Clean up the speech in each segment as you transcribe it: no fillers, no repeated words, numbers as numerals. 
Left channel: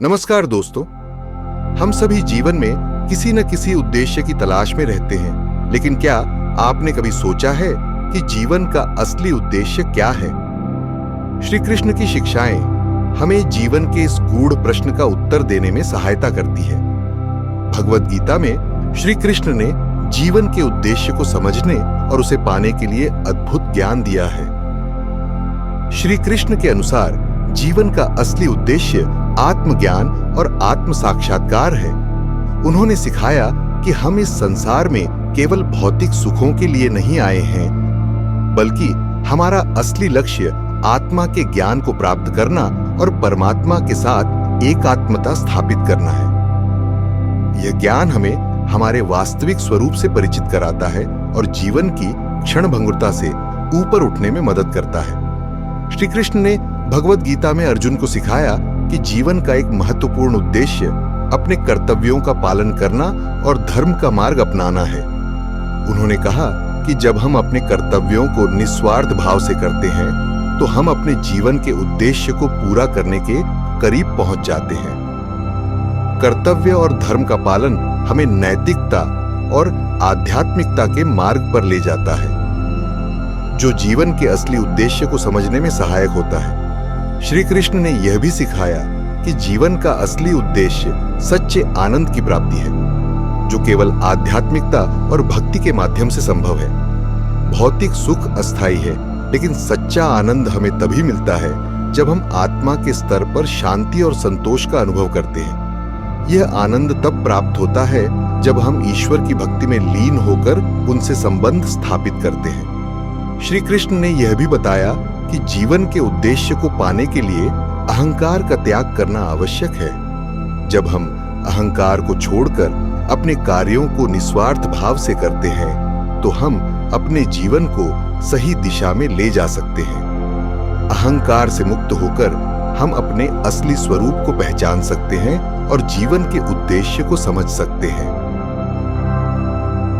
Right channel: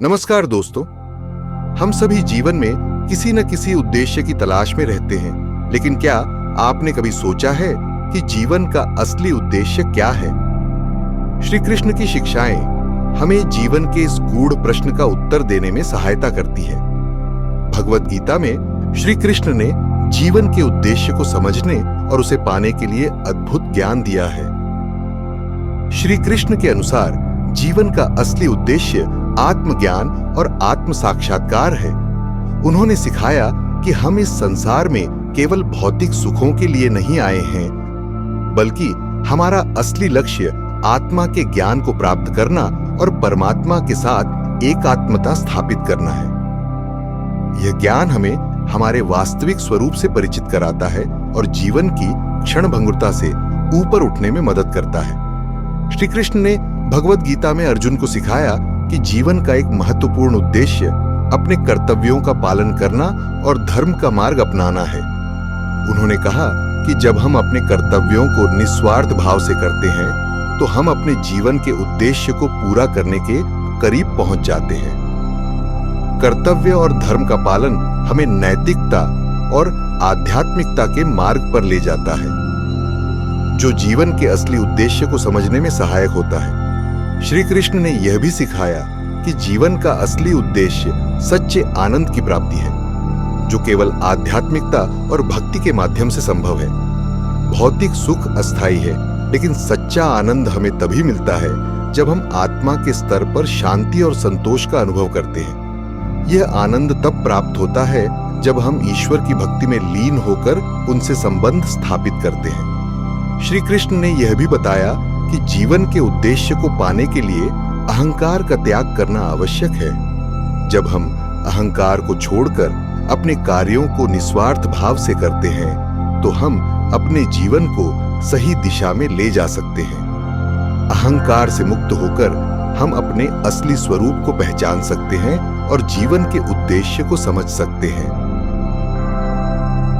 नमस्कार दोस्तों। हम सभी जीवन में किसी न किसी उद्देश्य की तलाश में रहते हैं, लेकिन क्या आपने कभी सोचा है कि जीवन का असली उद्देश्य क्या है? श्री कृष्ण की शिक्षाएं हमें जीवन के इस गूढ़ प्रश्न का उत्तर देने में सहायता करती है। भगवद गीता में श्री कृष्ण ने जीवन के उद्देश्य को समझने और उसे पाने के लिए अद्भुत ज्ञान दिया है। श्री कृष्ण के अनुसार जीवन का असली उद्देश्य आत्मज्ञान और आत्म साक्षात्कार है। उन्होंने सिखाया कि हम इस संसार में केवल भौतिक सुखों के लिए नहीं आए हैं, बल्कि हमारा असली लक्ष्य आत्मा के ज्ञान को प्राप्त करना और परमात्मा के साथ एकात्मता स्थापित करना है। यह ज्ञान हमें हमारे वास्तविक स्वरूप से परिचित कराता है और जीवन की क्षणभंगुरता से ऊपर उठने में मदद करता है। श्री कृष्ण ने भगवद गीता में अर्जुन को सिखाया कि जीवन का एक महत्वपूर्ण उद्देश्य अपने कर्तव्यों का पालन करना और धर्म का मार्ग अपनाना है। उन्होंने कहा कि जब हम अपने कर्तव्यों को निस्वार्थ भाव से करते हैं तो हम अपने जीवन के उद्देश्य को पूरा करने के करीब पहुंच जाते हैं। कर्तव्य और धर्म का पालन हमें नैतिकता और आध्यात्मिकता के मार्ग पर ले जाता है, जो जीवन के असली उद्देश्य को समझने में सहायक होता है। श्री कृष्ण ने यह भी सिखाया कि जीवन का असली उद्देश्य सच्चे आनंद की प्राप्ति है, जो केवल आध्यात्मिकता और भक्ति के माध्यम से संभव है। भौतिक सुख अस्थायी है, लेकिन सच्चा आनंद हमें तभी मिलता है जब हम आत्मा के स्तर पर शांति और संतोष का अनुभव करते हैं। यह आनंद तब प्राप्त होता है जब हम ईश्वर की भक्ति में लीन होकर उनसे संबंध स्थापित करते हैं। श्री कृष्ण ने यह भी बताया कि जीवन के उद्देश्य को पाने के लिए अहंकार का त्याग करना आवश्यक है। जब हम अहंकार को छोड़कर अपने कार्यों को निस्वार्थ भाव से करते हैं तो हम अपने जीवन को सही दिशा में ले जा सकते हैं। अहंकार से मुक्त होकर हम अपने असली स्वरूप को पहचान सकते हैं और जीवन के उद्देश्य को समझ सकते हैं।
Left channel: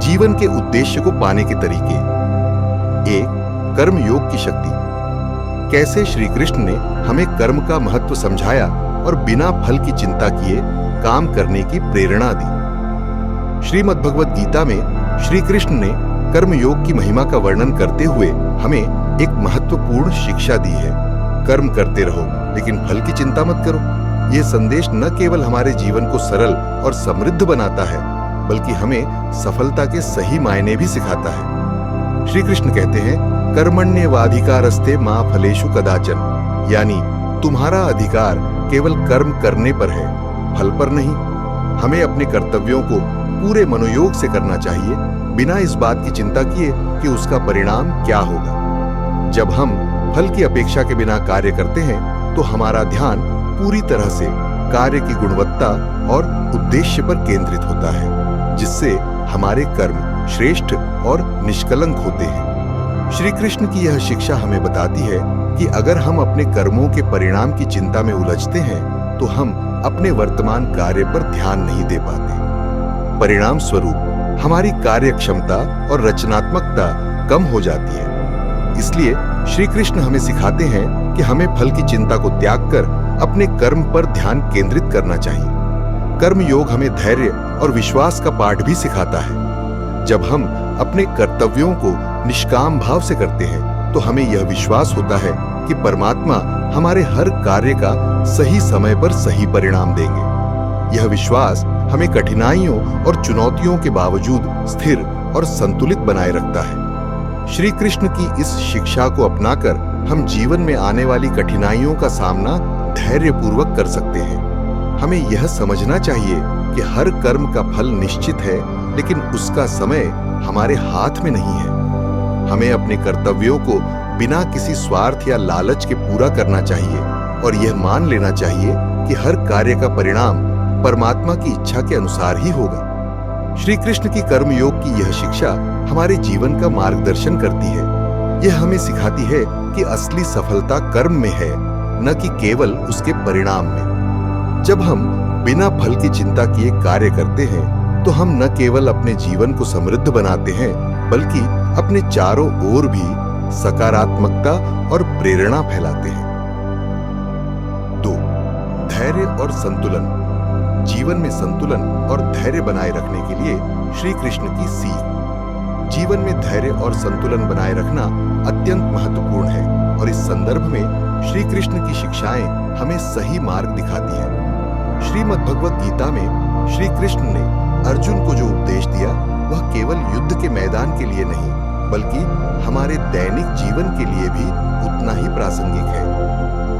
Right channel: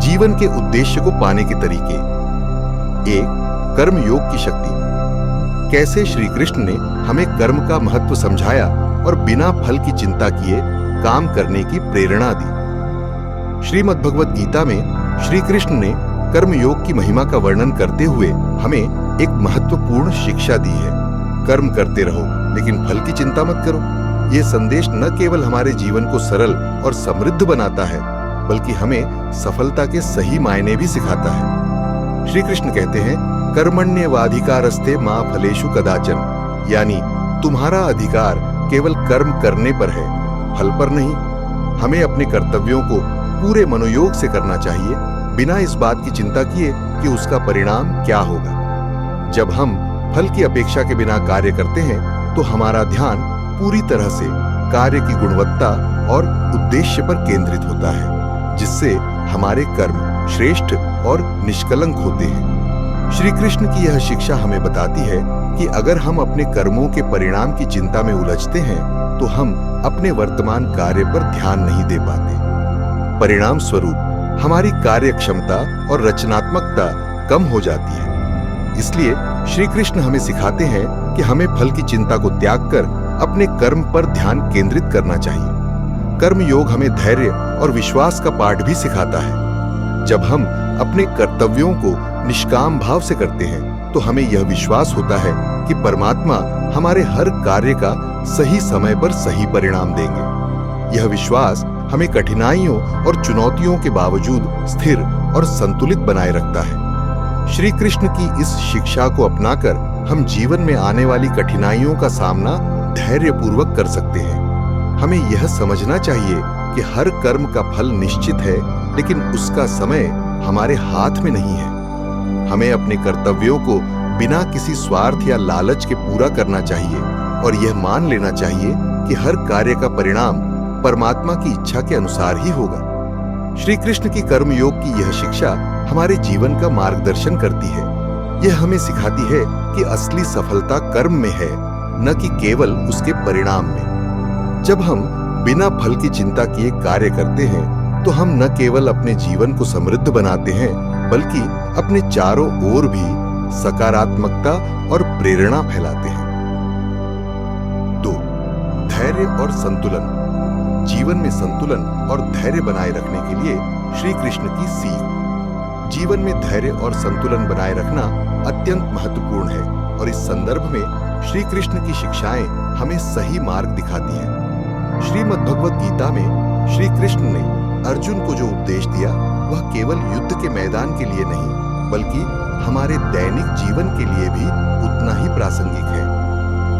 जीवन के उद्देश्य को पाने के तरीके। 1. कर्म योग की शक्ति। कैसे श्री कृष्ण ने हमें कर्म का महत्व समझाया और बिना फल की चिंता किए काम करने की प्रेरणा दी। श्रीमद् भगवद गीता में श्री कृष्ण ने कर्म योग की महिमा का वर्णन करते हुए हमें एक महत्वपूर्ण शिक्षा दी है। कर्म करते रहो, लेकिन फल की चिंता मत करो। यह संदेश न केवल हमारे जीवन को सरल और समृद्ध बनाता है, बल्कि हमें सफलता के सही मायने भी सिखाता है। श्री कृष्ण कहते हैं, कर्मण्येवाधिकारस्ते मा फलेषु कदाचन, यानी तुम्हारा अधिकार केवल कर्म करने पर है, फल पर नहीं। हमें अपने कर्तव्यों को पूरे मनोयोग से करना चाहिए, बिना इस बात की चिंता किए कि उसका परिणाम क्या होगा। जब हम फल की अपेक्षा के बिना कार्य करते हैं तो हमारा ध्यान पूरी तरह से कार्य की गुणवत्ता और उद्देश्य पर केंद्रित होता है, जिससे हमारे कर्म श्रेष्ठ और निष्कलंक होते हैं। श्री कृष्ण की यह शिक्षा हमें बताती है कि अगर हम अपने कर्मों के परिणाम की चिंता में उलझते हैं तो हम अपने वर्तमान कार्य पर ध्यान नहीं दे पाते। परिणाम स्वरूप हमारी कार्य क्षमता और रचनात्मकता कम हो जाती है। इसलिए श्री कृष्ण हमें सिखाते हैं कि हमें फल की चिंता को त्याग कर अपने कर्म पर ध्यान केंद्रित करना चाहिए। कर्म योग हमें धैर्य और विश्वास का पाठ भी सिखाता है। जब हम अपने कर्तव्यों को निष्काम भाव से करते हैं तो हमें यह विश्वास होता है कि परमात्मा हमारे हर कार्य का सही समय पर सही परिणाम देंगे। यह विश्वास हमें कठिनाइयों और चुनौतियों के बावजूद स्थिर और संतुलित बनाए रखता है। श्री कृष्ण की इस शिक्षा को अपनाकर हम जीवन में आने वाली कठिनाइयों का सामना धैर्यपूर्वक कर सकते हैं। हमें यह समझना चाहिए कि हर कर्म का फल निश्चित है, लेकिन उसका समय हमारे हाथ में नहीं है। हमें अपने कर्तव्यों को बिना किसी स्वार्थ या लालच के पूरा करना चाहिए और यह मान लेना चाहिए कि हर कार्य का परिणाम परमात्मा की इच्छा के अनुसार ही होगा। श्री कृष्ण की कर्म योग की यह शिक्षा हमारे जीवन का मार्गदर्शन करती है। यह हमें सिखाती है कि असली सफलता कर्म में है, न कि केवल उसके परिणाम में। जब हम बिना फल की चिंता किए कार्य करते हैं तो हम न केवल अपने जीवन को समृद्ध बनाते हैं, बल्कि अपने चारों ओर भी सकारात्मकता और प्रेरणा फैलाते हैं। 2. धैर्य और संतुलन। जीवन में संतुलन और धैर्य बनाए रखने के लिए श्री कृष्ण की सीख। जीवन में धैर्य और संतुलन बनाए रखना अत्यंत महत्वपूर्ण है और इस संदर्भ में श्री कृष्ण की शिक्षाएं हमें सही मार्ग दिखाती हैं। श्रीमद् भगवत गीता में श्री कृष्ण ने अर्जुन को जो उपदेश दिया वह केवल युद्ध के मैदान के लिए नहीं बल्कि हमारे दैनिक जीवन के लिए भी उतना ही प्रासंगिक है।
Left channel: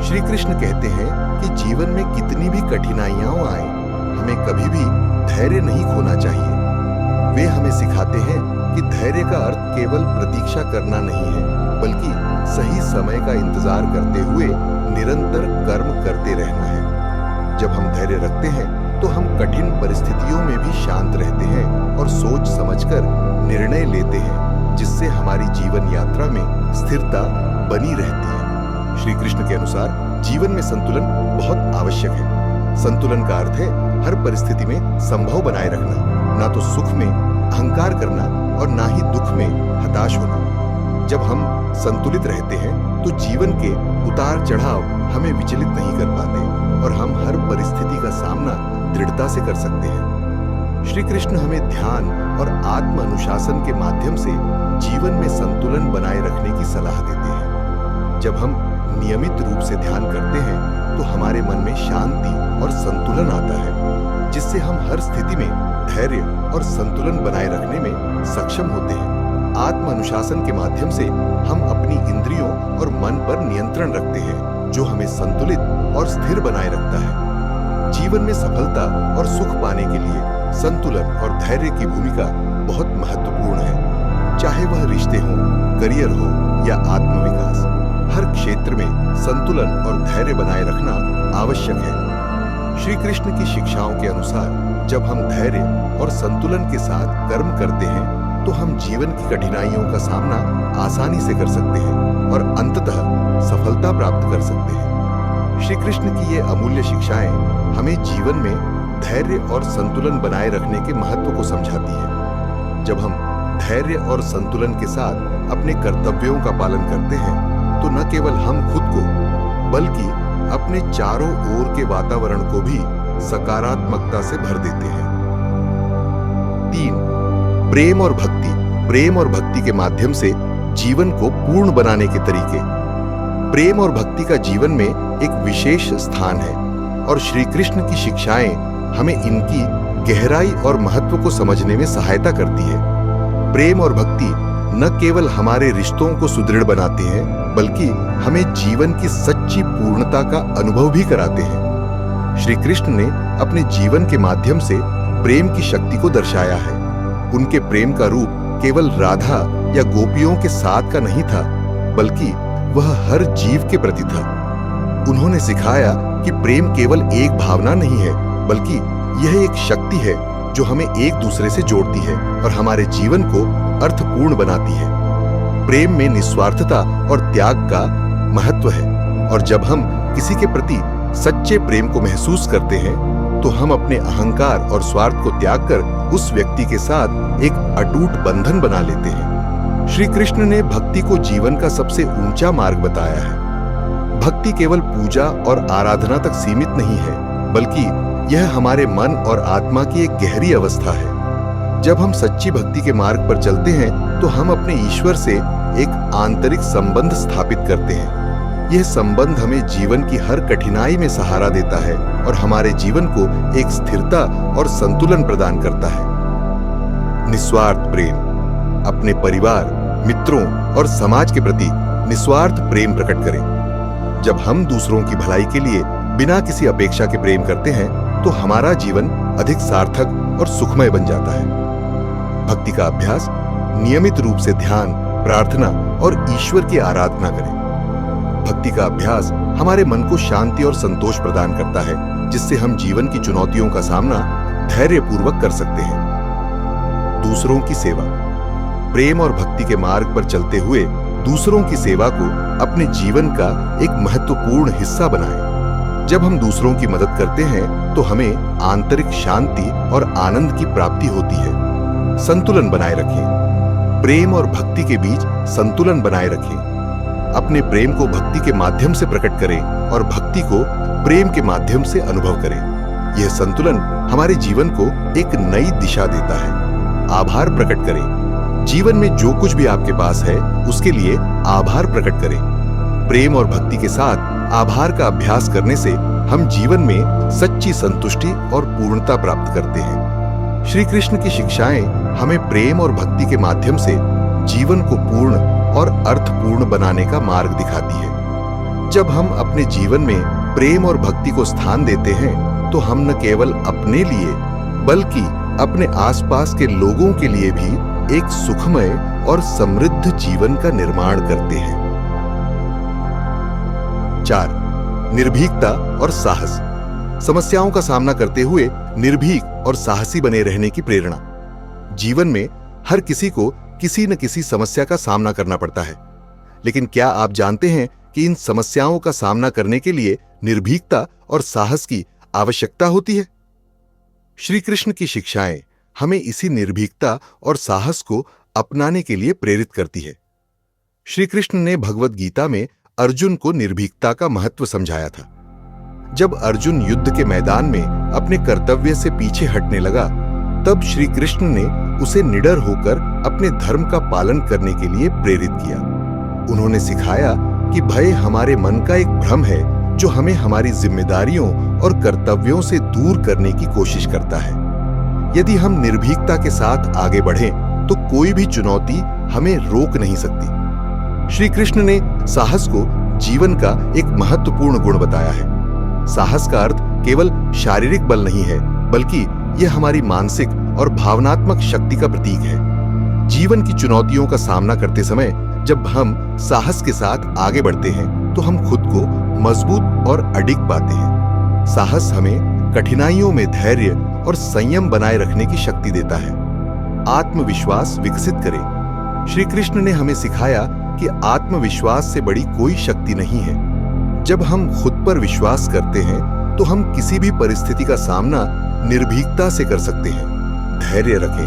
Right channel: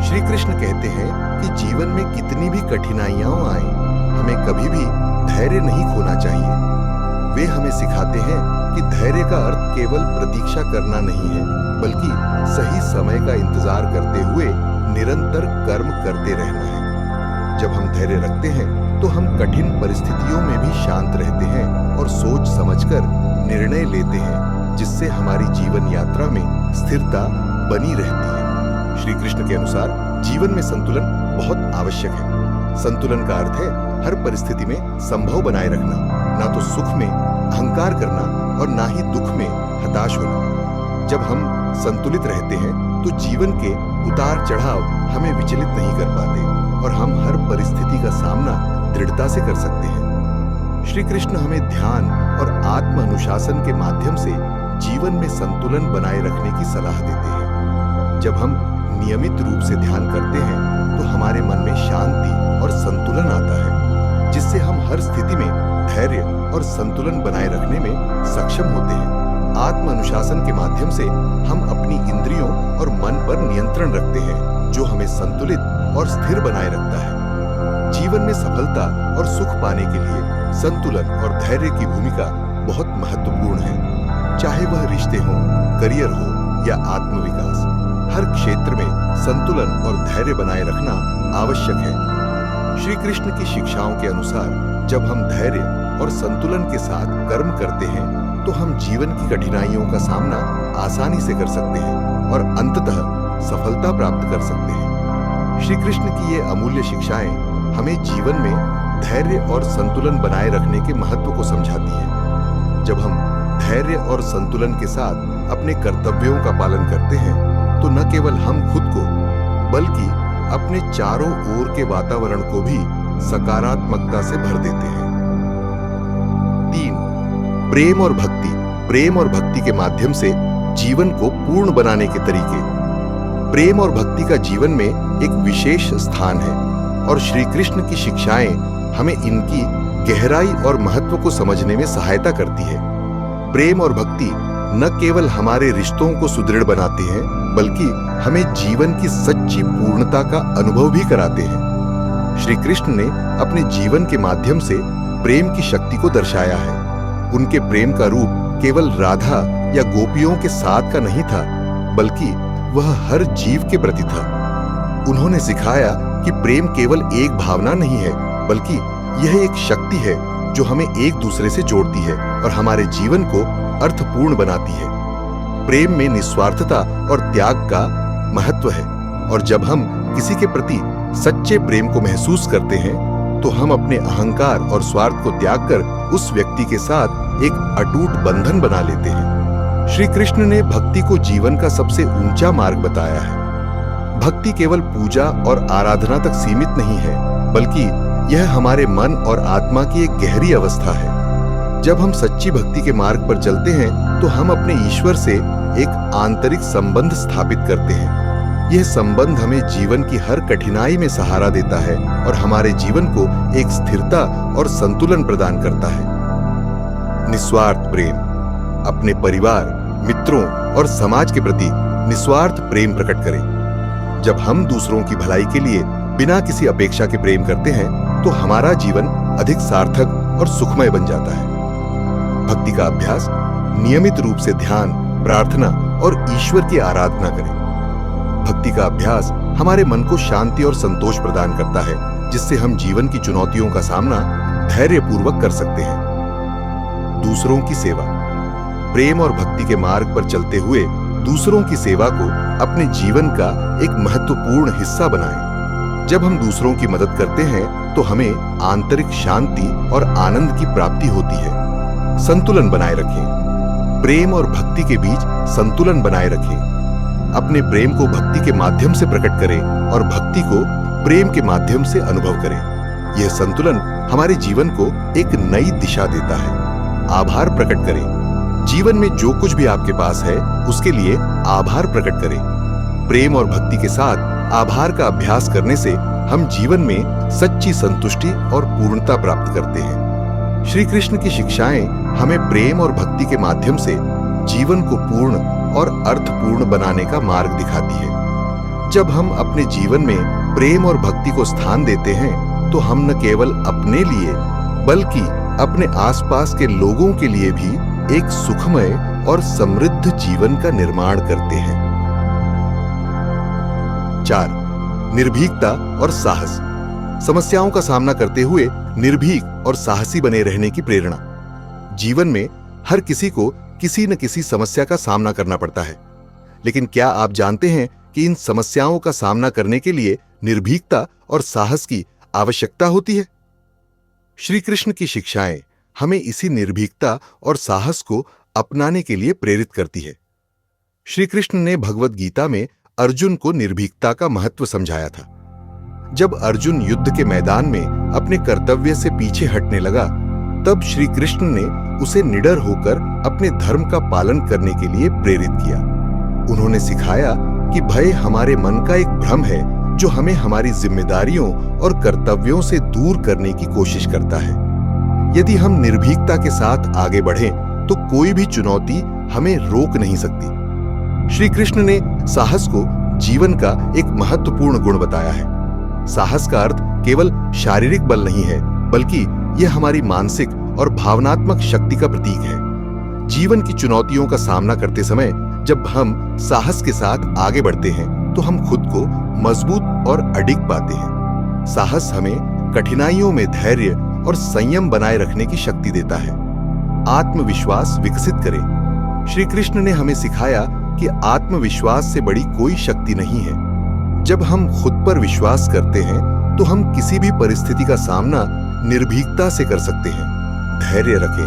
श्री कृष्ण कहते हैं कि जीवन में कितनी भी कठिनाइयां आए, हमें कभी भी धैर्य नहीं खोना चाहिए। वे हमें सिखाते हैं कि धैर्य का अर्थ केवल प्रतीक्षा करना नहीं है बल्कि सही समय का इंतजार करते हुए निरंतर कर्म करते रहना है। जब हम धैर्य रखते हैं तो हम कठिन परिस्थितियों में भी शांत रहते हैं और सोच समझकर निर्णय लेते हैं, जिससे हमारी जीवन यात्रा में स्थिरता बनी रहती है। श्री कृष्ण के अनुसार जीवन में संतुलन बहुत आवश्यक है। संतुलन का अर्थ है हर परिस्थिति में संभव बनाए रखना, ना तो सुख में अहंकार करना और ना ही दुख में हताश होना। जब हम संतुलित रहते हैं तो जीवन के उतार चढ़ाव हमें विचलित नहीं कर पाते और हम हर परिस्थिति का सामना दृढ़ता से कर सकते हैं। श्री कृष्ण हमें ध्यान और आत्म अनुशासन के माध्यम से जीवन में संतुलन बनाए रखने की सलाह देते हैं। जब हम नियमित रूप से ध्यान करते हैं तो हमारे मन में शांति और संतुलन आता है, जिससे हम हर स्थिति में धैर्य और संतुलन बनाए रखने में सक्षम होते हैं। आत्म अनुशासन के माध्यम से हम अपनी इंद्रियों और मन पर नियंत्रण रखते हैं, जो हमें संतुलित और स्थिर बनाए रखता है। जीवन में सफलता और सुख पाने के लिए संतुलन और धैर्य की भूमिका बहुत महत्वपूर्ण है। चाहे वह रिश्ते हों, करियर हो या आत्मविकास, हर क्षेत्र में संतुलन और धैर्य बनाए रखना आवश्यक है। श्री कृष्ण की शिक्षाओं के अनुसार जब हम धैर्य और संतुलन के साथ कर्म करते हैं तो हम जीवन की कठिनाइयों का सामना आसानी से कर सकते हैं और अंततः सफलता प्राप्त कर सकते हैं। श्री कृष्ण की ये अमूल्य शिक्षाएं हमें जीवन में धैर्य और संतुलन बनाए रखने के महत्व को समझाती है। जब हम धैर्य और संतुलन के साथ अपने कर्तव्यों का पालन करते हैं तो न केवल हम खुद को बल्कि अपने चारों ओर के वातावरण को भी सकारात्मकता से भर देते हैं। 3. प्रेम और भक्ति। प्रेम और भक्ति के माध्यम से जीवन को पूर्ण बनाने के तरीके। प्रेम और भक्ति का जीवन में एक विशेष स्थान है और श्री कृष्ण की शिक्षाएं हमें इनकी गहराई और महत्व को समझने में सहायता करती है। प्रेम और भक्ति न केवल हमारे रिश्तों को सुदृढ़ बनाते हैं बल्कि हमें जीवन की सच्ची पूर्णता का अनुभव भी कराते हैं। श्री कृष्ण ने अपने जीवन के माध्यम से प्रेम की शक्ति को दर्शाया है। उनके प्रेम का रूप केवल राधा या गोपियों के साथ का नहीं था बल्कि वह हर जीव के प्रति था। उन्होंने सिखाया कि प्रेम केवल एक भावना नहीं है बल्कि यह एक शक्ति है जो हमें एक दूसरे से जोड़ती है और हमारे जीवन को अर्थपूर्ण बनाती है। प्रेम में निस्वार्थता और त्याग का महत्व है और जब हम किसी के प्रति सच्चे प्रेम को महसूस करते हैं तो हम अपने अहंकार और स्वार्थ को त्याग कर उस व्यक्ति के साथ एक अटूट बंधन बना लेते हैं। श्री कृष्ण ने भक्ति को जीवन का सबसे ऊंचा मार्ग बताया है। भक्ति केवल पूजा और आराधना तक सीमित नहीं है बल्कि यह हमारे मन और आत्मा की एक गहरी अवस्था है। जब हम सच्ची भक्ति के मार्ग पर चलते हैं तो हम अपने ईश्वर से एक आंतरिक संबंध स्थापित करते हैं। यह संबंध हमें जीवन की हर कठिनाई में सहारा देता है और हमारे जीवन को एक स्थिरता और संतुलन प्रदान करता है। निस्वार्थ प्रेम। अपने परिवार, मित्रों और समाज के प्रति निस्वार्थ प्रेम प्रकट करें। जब हम दूसरों की भलाई के लिए बिना किसी अपेक्षा के प्रेम करते हैं तो हमारा जीवन अधिक सार्थक और सुखमय बन जाता है। भक्ति का अभ्यास। नियमित रूप से ध्यान, प्रार्थना और ईश्वर की आराधना करें। भक्ति का अभ्यास हमारे मन को शांति और संतोष प्रदान करता है, जिससे हम जीवन की चुनौतियों का सामना धैर्यपूर्वक कर सकते हैं। दूसरों की सेवा। प्रेम और भक्ति के मार्ग पर चलते हुए दूसरों की सेवा को अपने जीवन का एक महत्वपूर्ण हिस्सा बनाएं। जब हम दूसरों की मदद करते हैं तो हमें आंतरिक शांति और आनंद की प्राप्ति होती है। संतुलन बनाए रखें। प्रेम और भक्ति के बीच संतुलन बनाए रखें। अपने प्रेम को भक्ति के माध्यम से प्रकट करें और भक्ति को प्रेम के माध्यम से अनुभव करें। यह संतुलन हमारे जीवन को एक नई दिशा देता है। आभार प्रकट करें। जीवन में जो कुछ भी आपके पास है उसके लिए आभार प्रकट करें। प्रेम और भक्ति के साथ आभार का अभ्यास करने से हम जीवन में सच्ची संतुष्टि और पूर्णता प्राप्त करते हैं। श्री कृष्ण की शिक्षाएं हमें प्रेम और भक्ति के माध्यम से जीवन को पूर्ण और अर्थपूर्ण बनाने का मार्ग दिखाती है। जब हम अपने जीवन में प्रेम और भक्ति को स्थान देते हैं तो हम न केवल अपने लिए बल्कि अपने आसपास के लोगों के लिए भी एक सुखमय और समृद्ध जीवन का निर्माण करते हैं। 4. निर्भीकता और साहस। समस्याओं का सामना करते हुए निर्भीक और साहसी बने रहने की प्रेरणा। जीवन में हर किसी को किसी न किसी समस्या का सामना करना पड़ता है, लेकिन क्या आप जानते हैं कि इन समस्याओं का सामना करने के लिए निर्भीकता और साहस की आवश्यकता होती है? श्री कृष्ण की शिक्षाएं हमें इसी निर्भीकता और साहस को अपनाने के लिए प्रेरित करती है। श्री कृष्ण ने भगवद गीता में अर्जुन को निर्भीकता का महत्व समझाया था। जब अर्जुन युद्ध के मैदान में अपने कर्तव्य से पीछे हटने लगा, तब श्री कृष्ण ने उसे निडर होकर अपने धर्म का पालन करने के लिए प्रेरित किया। उन्होंने सिखाया कि भय हमारे मन का एक भ्रम है जो हमें हमारी जिम्मेदारियों और कर्तव्यों से दूर करने की कोशिश करता है। यदि हम निर्भीकता के साथ आगे बढ़ें तो कोई भी चुनौती हमें रोक नहीं सकती। श्री कृष्ण ने साहस को जीवन का एक महत्वपूर्ण गुण बताया है। साहस का अर्थ केवल शारीरिक बल नहीं है, बल्कि यह हमारी मानसिक और भावनात्मक शक्ति का प्रतीक है। जीवन की चुनौतियों का सामना करते समय जब हम साहस के साथ आगे बढ़ते हैं तो हम खुद को मजबूत और अडिग पाते हैं। साहस हमें कठिनाइयों में धैर्य और संयम बनाए रखने की शक्ति देता है। आत्मविश्वास विकसित करें। श्री कृष्ण ने हमें सिखाया कि आत्मविश्वास से बड़ी कोई शक्ति नहीं है। जब हम खुद पर विश्वास करते हैं तो हम किसी भी परिस्थिति का सामना निर्भीकता से कर सकते हैं। धैर्य रखें।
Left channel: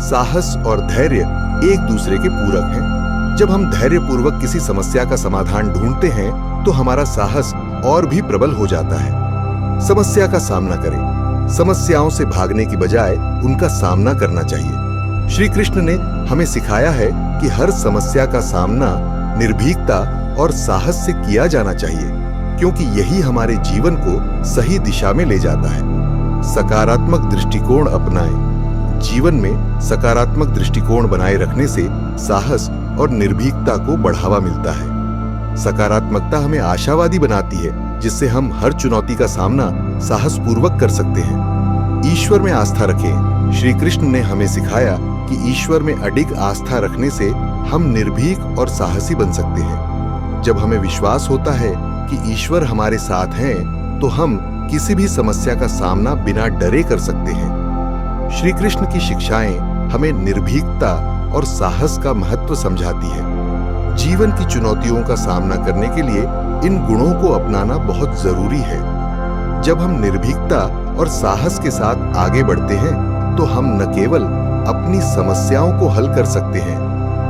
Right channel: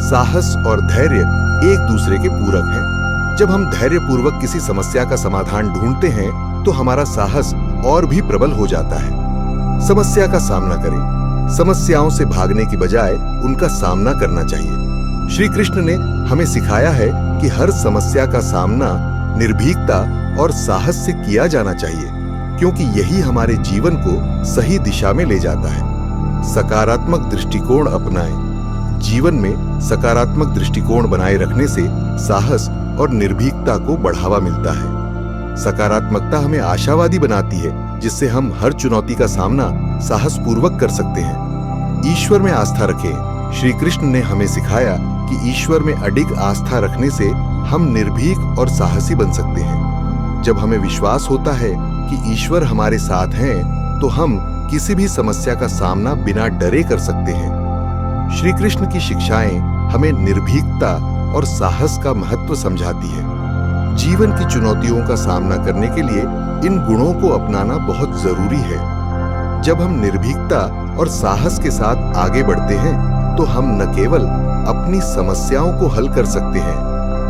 साहस और धैर्य एक दूसरे के पूरक हैं। जब हम धैर्यपूर्वक किसी समस्या का समाधान ढूंढते हैं तो हमारा साहस और भी प्रबल हो जाता है। समस्या का सामना करें। समस्याओं से भागने की बजाय उनका सामना करना चाहिए। श्री कृष्ण ने हमें सिखाया है कि हर समस्या का सामना निर्भीकता और साहस से किया जाना चाहिए, क्योंकि यही हमारे जीवन को सही दिशा में ले जाता है। सकारात्मक दृष्टिकोण अपनाएं। जीवन में सकारात्मक दृष्टिकोण बनाए रखने से साहस और निर्भीकता को बढ़ावा मिलता है। सकारात्मकता हमें आशावादी बनाती है, जिससे हम हर चुनौती का सामना साहसपूर्वक कर सकते हैं। ईश्वर में आस्था रखें। श्री कृष्ण ने हमें सिखाया कि ईश्वर में अडिग आस्था रखने से हम निर्भीक और साहसी बन सकते हैं। जब हमें विश्वास होता है कि ईश्वर हमारे साथ हैं, तो हम किसी भी समस्या का सामना बिना डरे कर सकते हैं। श्री कृष्ण की शिक्षाएं हमें निर्भीकता और साहस का महत्व समझाती है। जीवन की चुनौतियों का सामना करने के लिए इन गुणों को अपनाना बहुत जरूरी है। जब हम निर्भीकता और साहस के साथ आगे बढ़ते हैं तो हम न केवल अपनी समस्याओं को हल कर सकते हैं,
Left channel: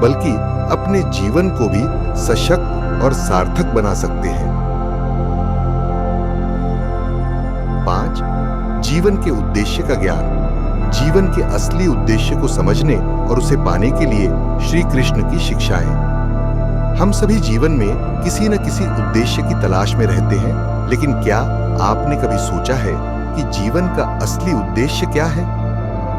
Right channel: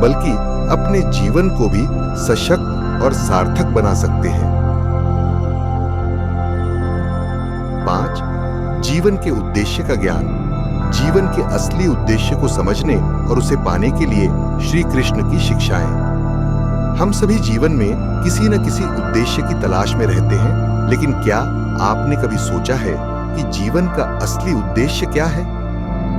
बल्कि अपने जीवन को भी सशक्त और सार्थक बना सकते हैं। 5. जीवन के उद्देश्य का ज्ञान। जीवन के असली उद्देश्य को समझने और उसे पाने के लिए श्री कृष्ण की शिक्षाएं। हम सभी जीवन में किसी न किसी उद्देश्य की तलाश में रहते हैं, लेकिन क्या आपने कभी सोचा है कि जीवन का असली उद्देश्य क्या है?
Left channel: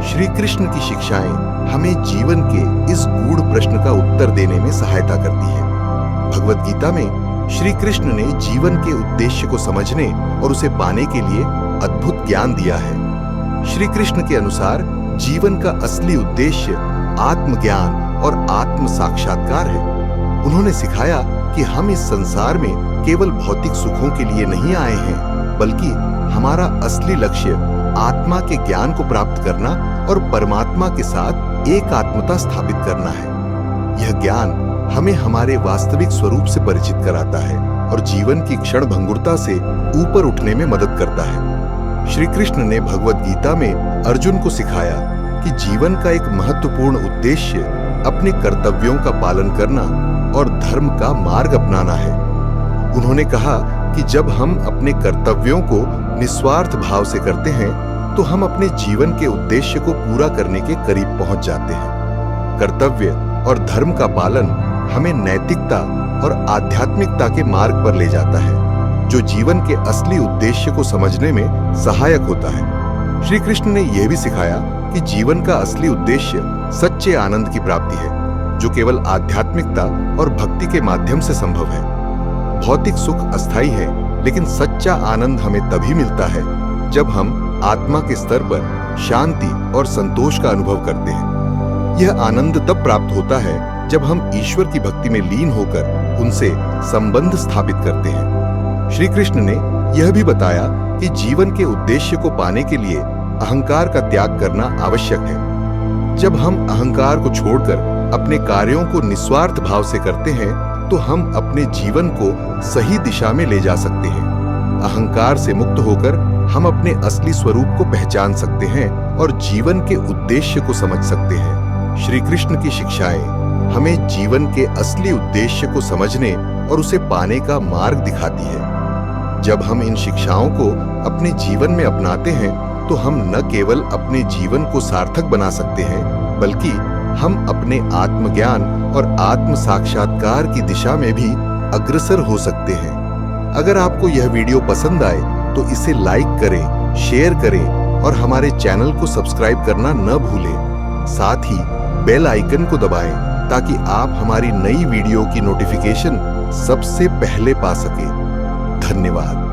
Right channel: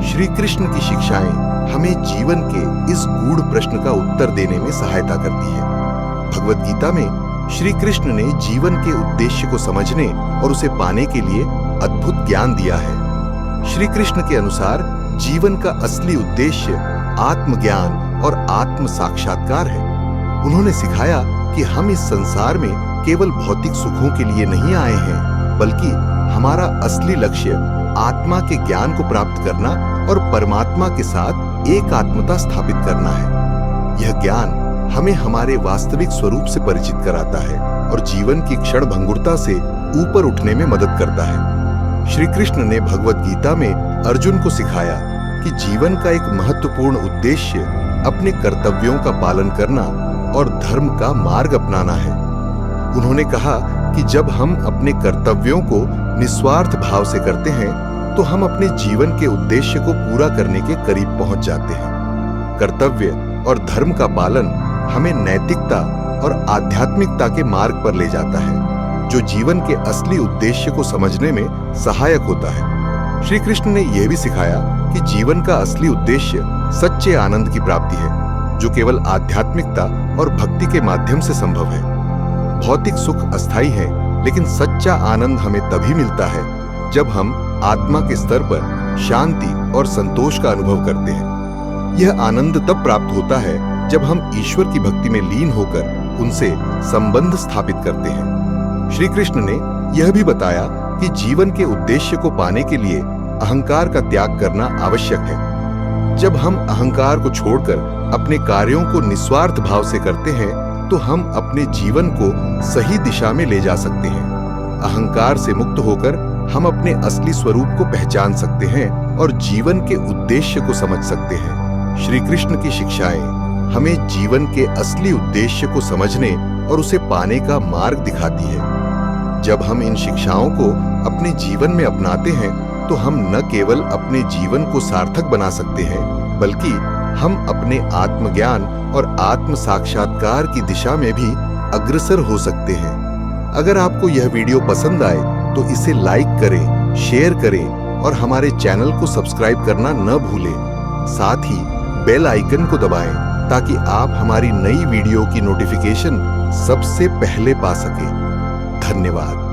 श्री कृष्ण की शिक्षाएं हमें जीवन के इस गूढ़ प्रश्न का उत्तर देने में सहायता करती है। भगवद गीता में श्री कृष्ण ने जीवन के उद्देश्य को समझने और उसे पाने के लिए अद्भुत ज्ञान दिया है। श्री कृष्ण के अनुसार जीवन का असली उद्देश्य आत्मज्ञान और आत्म साक्षात्कार है। उन्होंने सिखाया कि हम इस संसार में केवल भौतिक सुखों के लिए नहीं आए हैं, बल्कि हमारा असली लक्ष्य आत्मा के ज्ञान को प्राप्त करना और परमात्मा के साथ एकात्मता स्थापित करना है। यह ज्ञान हमें हमारे वास्तविक स्वरूप से परिचित कराता है और जीवन की क्षण भंगुरता से ऊपर उठने में मदद करता है। श्री कृष्ण ने भगवद गीता में अर्जुन को सिखाया कि जीवन का एक महत्वपूर्ण उद्देश्य अपने कर्तव्यों का पालन करना और धर्म का मार्ग अपनाना है। उन्होंने कहा कि जब हम अपने कर्तव्यों को निस्वार्थ भाव से करते हैं तो हम अपने जीवन के उद्देश्य को पूरा करने के करीब पहुंच जाते हैं। कर्तव्य और धर्म का पालन हमें नैतिकता और आध्यात्मिकता के मार्ग पर ले जाता है, जो जीवन के असली उद्देश्य को समझने में सहायक होता है। श्री कृष्ण ने यह भी सिखाया कि जीवन का असली उद्देश्य सच्चे आनंद की प्राप्ति है, जो केवल आध्यात्मिकता और भक्ति के माध्यम से संभव है। भौतिक सुख अस्थायी है, लेकिन सच्चा आनंद हमें तभी मिलता है जब हम आत्मा के स्तर पर शांति और संतोष का अनुभव करते हैं। यह आनंद तब प्राप्त होता है जब हम ईश्वर की भक्ति में लीन होकर उनसे संबंध स्थापित करते हैं। श्री कृष्ण ने यह भी बताया कि जीवन के उद्देश्य को पाने के लिए अहंकार का त्याग करना आवश्यक है। जब हम अहंकार को छोड़कर अपने कार्यों को निस्वार्थ भाव से करते हैं तो हम अपने जीवन को सही दिशा में ले जा सकते हैं। अहंकार से मुक्त होकर हम अपने असली स्वरूप को पहचान सकते हैं और जीवन के उद्देश्य को समझ सकते हैं। श्री कृष्ण की शिक्षाएं हमें जीवन के असली उद्देश्य को समझने और उसे पाने का मार्ग दिखाती है। जब हम इन शिक्षाओं को अपने जीवन में अपनाते हैं तो हम न केवल अपने जीवन को सार्थक बना सकते हैं, बल्कि हम अपने आत्मज्ञान और आत्म साक्षात्कार की दिशा में भी अग्रसर हो सकते हैं। अगर आपको यह वीडियो पसंद आए तो इसे लाइक करें, शेयर करें और हमारे चैनल को सब्सक्राइब करना न भूलें। साथ ही बेल आइकन को दबाएं ताकि आप हमारी नई वीडियो की नोटिफिकेशन सबसे पहले पा सकें। धन्यवाद।